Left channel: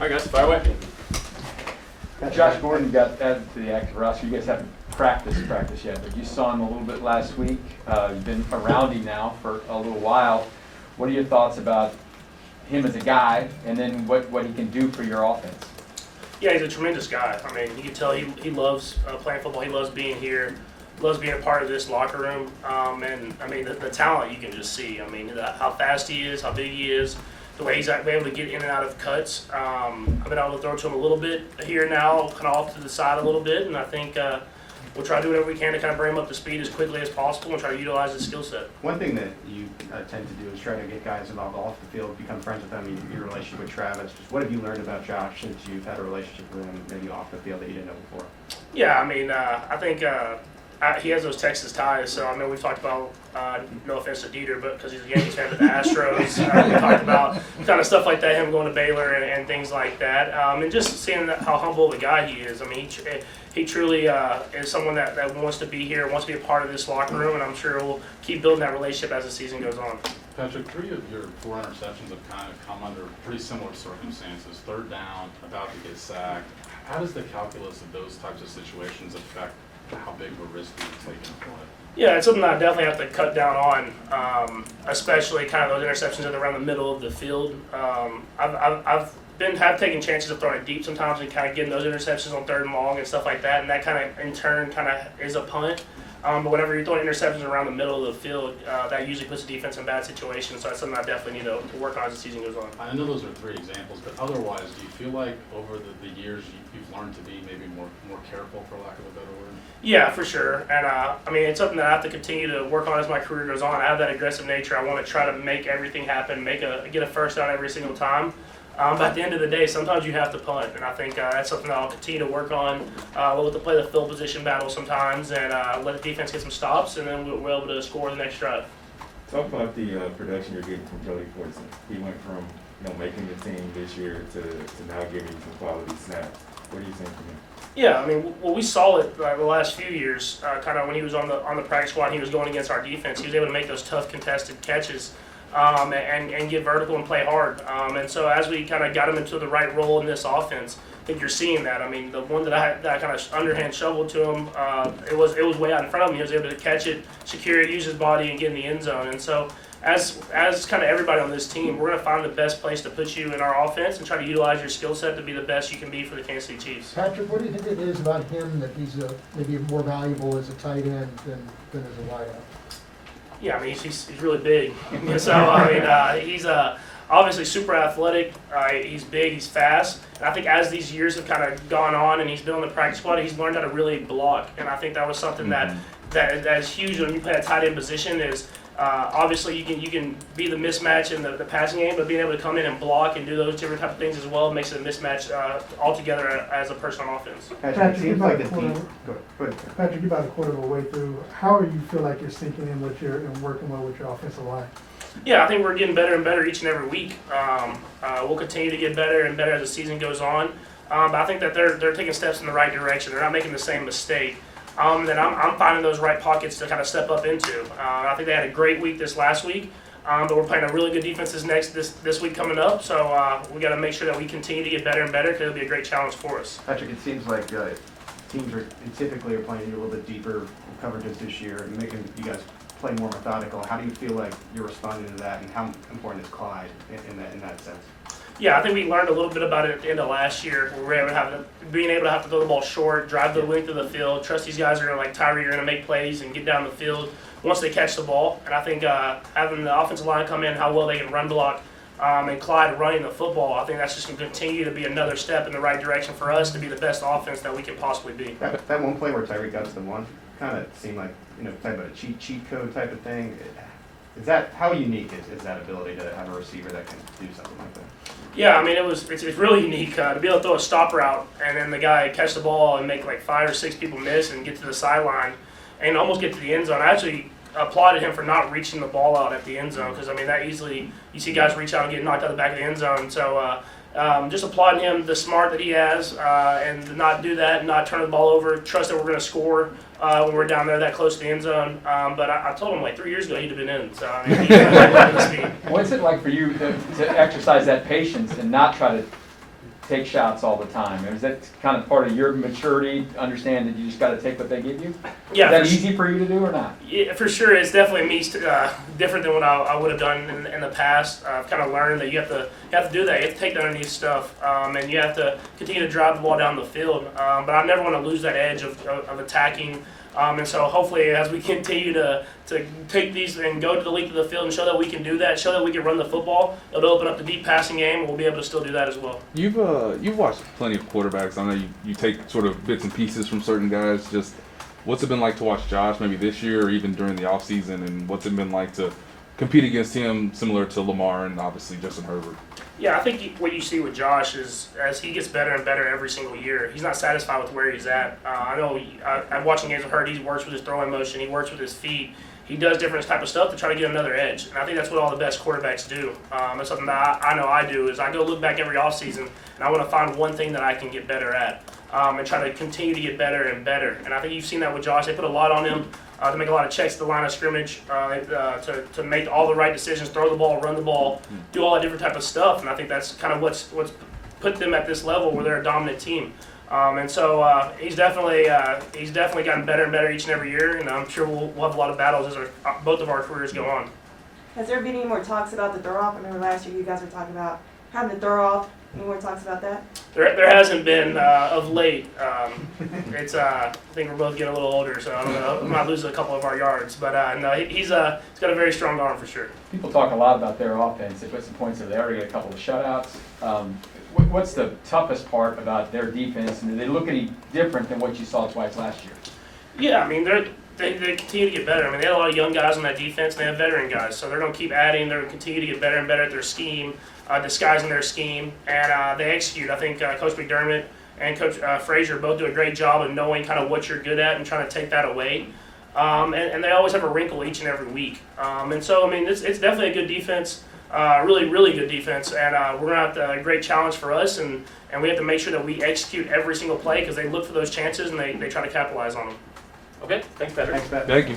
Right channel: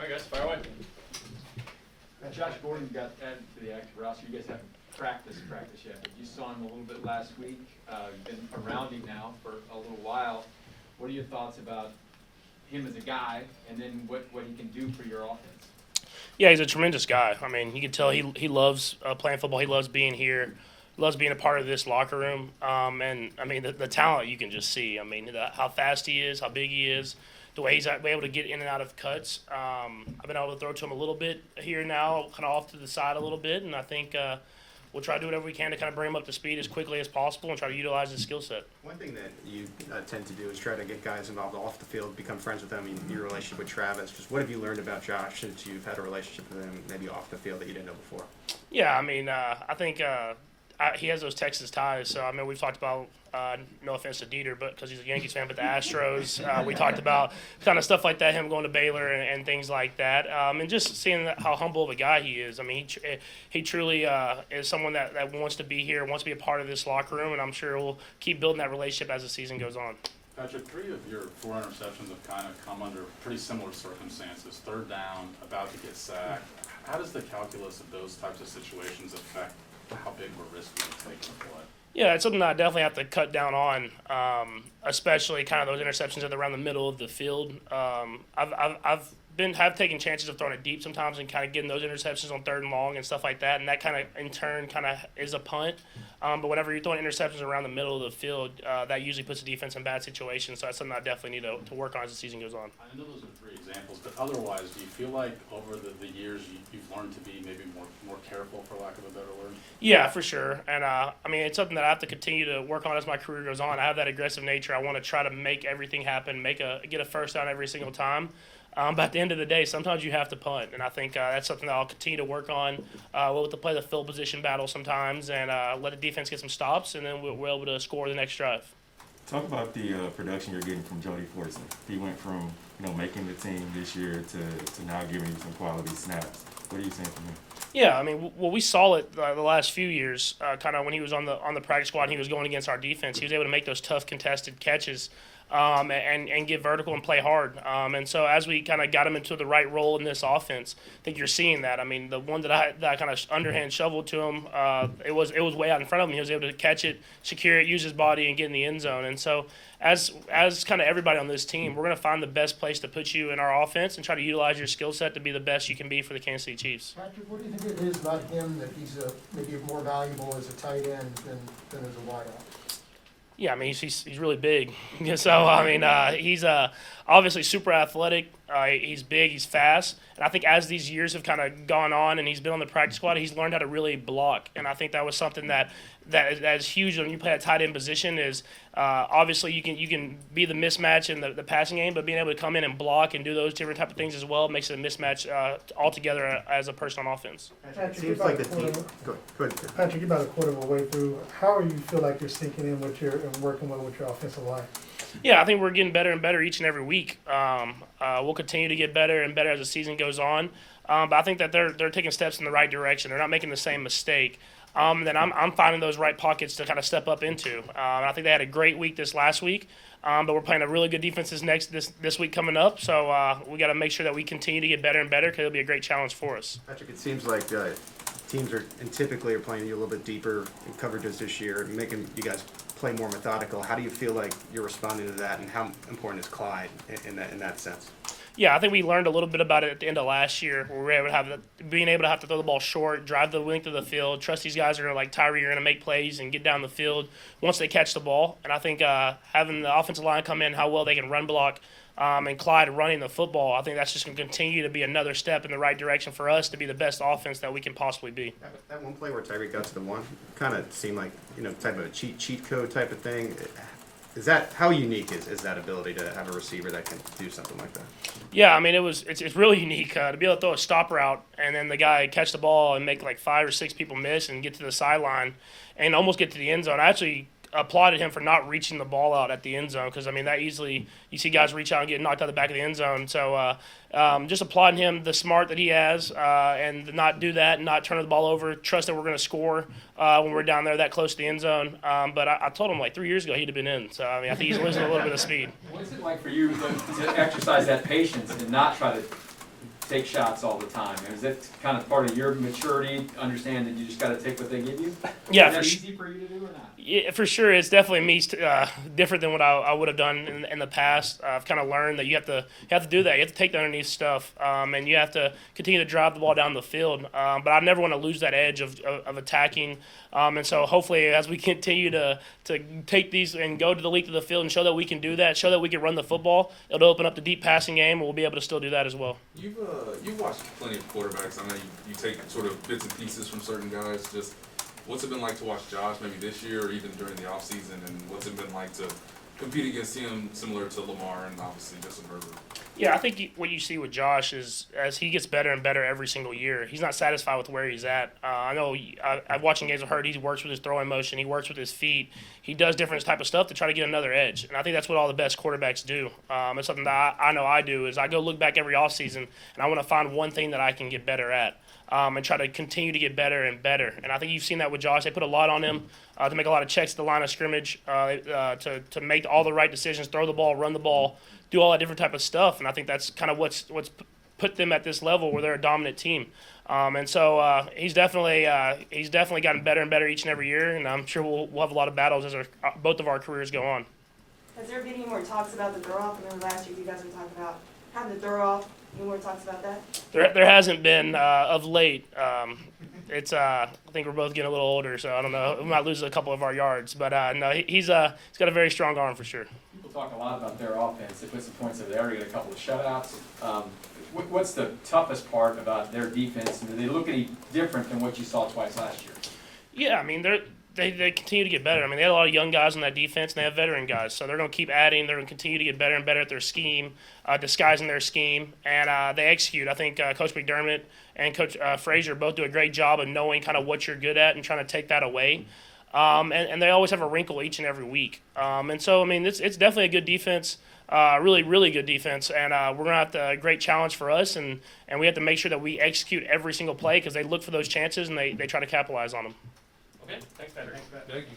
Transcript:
All right, guys, fire away. Josh Gordon got added to the active roster. You guys haven't practiced yet, but you saw him a little bit last week. You've been around him now for a little while. What are your thoughts about him as a guy, and then what he can do for your offense? Yeah, he's a tremendous guy. I mean, you can tell he loves playing football. He loves being here. Loves being a part of this locker room. And I mean, the talent you can just see. I mean, how fast he is, how big he is, the way he's been able to get in and out of cuts. I've been able to throw to him a little bit here now, kind of off to the side a little bit, and I think we'll try to do whatever we can to kind of bring him up to speed as quickly as possible and try to utilize his skill set. One thing that you tend to do is try to get guys involved off the field, become friends with them. Your relationship with Travis, just what have you learned about Josh since you've had a relationship with him, maybe off the field that you didn't know before? Yeah, I mean, I think he has those Texas ties. So I mean, we've talked about no offense to Dieter, but because he's a Yankees fan with the Astros, we talked about kind of stuff like that, him going to Baylor and things like that, and just seeing how humble of a guy he is. I mean, he truly is someone that wants to be here, wants to be a part of this locker room, and I'm sure we'll keep building that relationship as the season goes on. Patrick, 3 of your 4 interceptions have kind of come under pretty similar circumstances. Third down, about to get sacked. How does the calculus of those types of situations affect how big of a risk you take to play? Yeah, it's something that I definitely have to cut down on, especially kind of those interceptions that are around the middle of the field. I've taken chances of throwing it deep sometimes and kind of getting those interceptions on 3rd and long and stuff like that, and that kind of in turn kind of is a punt. But whenever you're throwing interceptions around the middle of the field, that usually puts the defense in bad situations. So that's something I definitely need to work on as the season goes on. I know those are 3 examples, but otherwise, do you feel like over the years you've learned to be maybe more careful, for lack of a better word? Yeah, for sure. And I mean, it's something that I have to continue to work on as my career goes on. I have that aggressive nature. I want to try to make everything happen, get a first down every single time. But at the end of the day, sometimes you have to punt, and I think that's something that I'll continue to work on. We'll have to play the field position battle sometimes and let the defense get some stops, and then we're able to score the next drive. Talk about the production you're getting from Joey Fortson. He went from making the team this year to now giving you some quality snaps. What are you seeing from him? Yeah, I mean, well, we saw it the last few years, kind of when he was on the practice squad. He was going against our defense. He was able to make those tough contested catches. And get vertical and play hard. And so as we kind of got him into the right role in this offense, I think you're seeing that. I mean, the one that I kind of underhand shoveled to him, it was way out in front of him. He was able to catch it, secure it, use his body, and get in the end zone. And so as kind of everybody on this team, we're going to find the best place to put you in our offense and try to utilize your skill set to be the best you can be for the Kansas City Chiefs. Patrick, what do you think it is about him that he's maybe more valuable as a tight end than as a wideout? Yeah, I mean, he's really big. So, I mean, he's obviously super athletic. He's big, he's fast. And I think as these years have kind of gone on and he's been on the practice squad, he's learned how to really block. And I think that was something that is huge when you play a tight end position is obviously you can be the mismatch in the passing game, but being able to come in and block and do those different type of things as well makes it a mismatch altogether as a person on offense. Patrick, it seems like the team. Go ahead. Patrick, you're about a quarter of a way through. How do you feel like you're sinking in and working well with your offensive line? Yeah, I think we're getting better and better each and every week. We'll continue to get better and better as the season goes on. But I think that they're taking steps in the right direction. They're not making the same mistake. Then I'm finding those right pockets to kind of step up into. I think they had a great week this last week, but we're playing a really good defense this week coming up. So we got to make sure that we continue to get better and better because it'll be a great challenge for us. Patrick, it seems like teams typically are playing you a little bit deeper coverages this year and making you guys play more methodical. How do you feel like you're responding to that, and how important is Clyde in that sense? Yeah, I think we learned a little bit about it at the end of last year. We were able to being able to have to throw the ball short, drive the length of the field, trust these guys are going to, like Tyree, are going to make plays and get down the field once they catch the ball. And I think having the offensive line come in, how well they can run block, and Clyde running the football, I think that's just going to continue to be another step in the right direction for us to be the best offense that we can possibly be. That one play where Tyree got to the one kind of seemed like type of a cheat code type of thing. Is that how unique is that ability to have a receiver that can do something like that? Yeah, I mean it's really unique to be able to throw a stop route and then the guy catch the ball and make like 5 or 6 people miss and get to the sideline and almost get to the end zone. I actually applauded him for not reaching the ball out at the end zone because I mean that easily you see guys reach out and get knocked out the back of the end zone. So just applauding him, the smart that he has, and to not do that and not turn the ball over, trust that we're going to score when we're down there that close to the end zone. But I told him like 3 years ago he'd have been in. So I mean, he was able to speed. What's it like for you to exercise that patience and not try to take shots all the time. Is that kind of part of your maturity, understand that you just gotta take what they give you? Yeah, Is that for su- easy for you to do or not? Yeah, for sure. It's definitely different than what I would have done in the past. I've kind of learned that you have to do that. You have to take the underneath stuff, and you have to continue to drive the ball down the field. But I never want to lose that edge of attacking. And so hopefully, as we continue to take these and go to the length of the field and show that we can do that, show that we can run the football, it'll open up the deep passing game, and we'll be able to still do that as well. You've watched plenty of quarterbacks. I know you take sort of bits and pieces from certain guys. Just what's it been like to watch Josh maybe this year or even during the offseason, and what's it been like to compete against him, similar to Lamar and obviously Justin Herbert? Yeah, I think what you see with Josh is as he gets better and better every single year, he's not satisfied with where he's at. I know I'm watching games with Hurt. He works with his throwing motion. He works with his feet. He does different type of stuff to try to get another edge. And I think that's what all the best quarterbacks do. It's something that I know I do is I go look back every offseason and I want to find one thing that I can get better at and try to continue to get better and better. And I think you've seen that with Josh. They put a lot on him. To make a lot of checks at the line of scrimmage, to make all the right decisions, throw the ball, run the ball, do all that different type of stuff, and I think that's kind of what's put them at this level where they're a dominant team. And so he's definitely gotten better and better each and every year, and I'm sure we'll have a lot of battles as both of our careers go on. Has there been any more talks about the throw off? I remember last year you guys were talking about having the throw off. Any more talks about that? There hasn't been of late. It's I think we're both getting a little older, so I don't know. We might lose a couple of our yards, but no, he's got a very strong arm for sure. People talk a lot about their offense. They put some points in. They already got a couple of shutouts. What's the toughest part about their defense, and do they look any different than what you saw twice last year? Yeah, I mean they continue to get better. I mean they have a lot of young guys on that defense, and they have veteran guys, so they're going to keep adding. They're going to continue to get better and better at their scheme, disguising their scheme, and they execute. I think Coach McDermott and Coach Frazier both do a great job of knowing kind of what you're good at and trying to take that away. And they always have a wrinkle each and every week. And so, I mean, it's definitely a good defense, really, really good defense. And we're going to have a great challenge for us, and we have to make sure that we execute every single play because they look for those chances and they try to capitalize on them. Okay, thanks, Patrick. Thanks, Matt. Thank you.